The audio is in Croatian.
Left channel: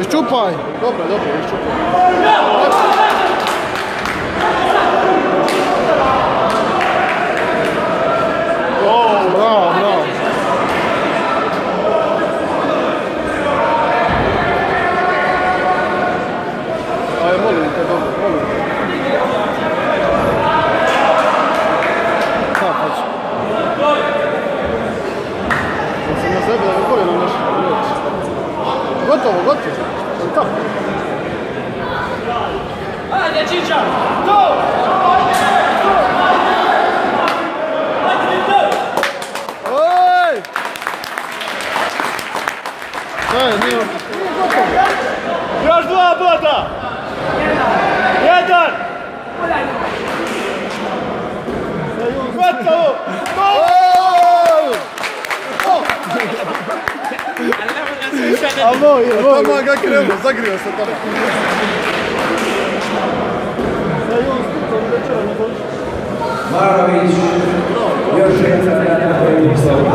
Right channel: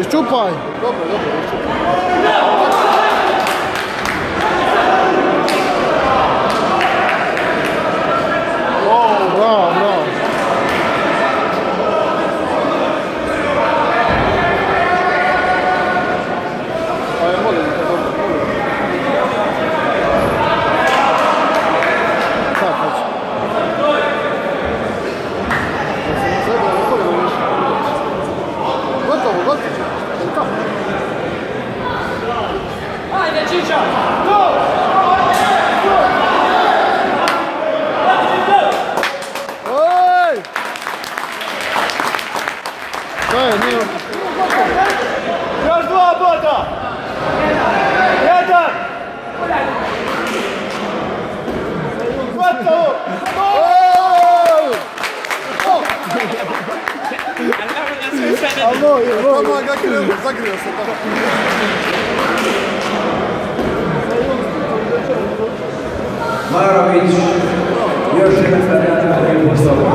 Iščupaj! Dobro, iščupaj. Bravo, bravo. Još 2 boda! 1! Gotovo! Odmah ga krenuo, zagrio se tamo. Marović, još jedan stavljati na koji postavu.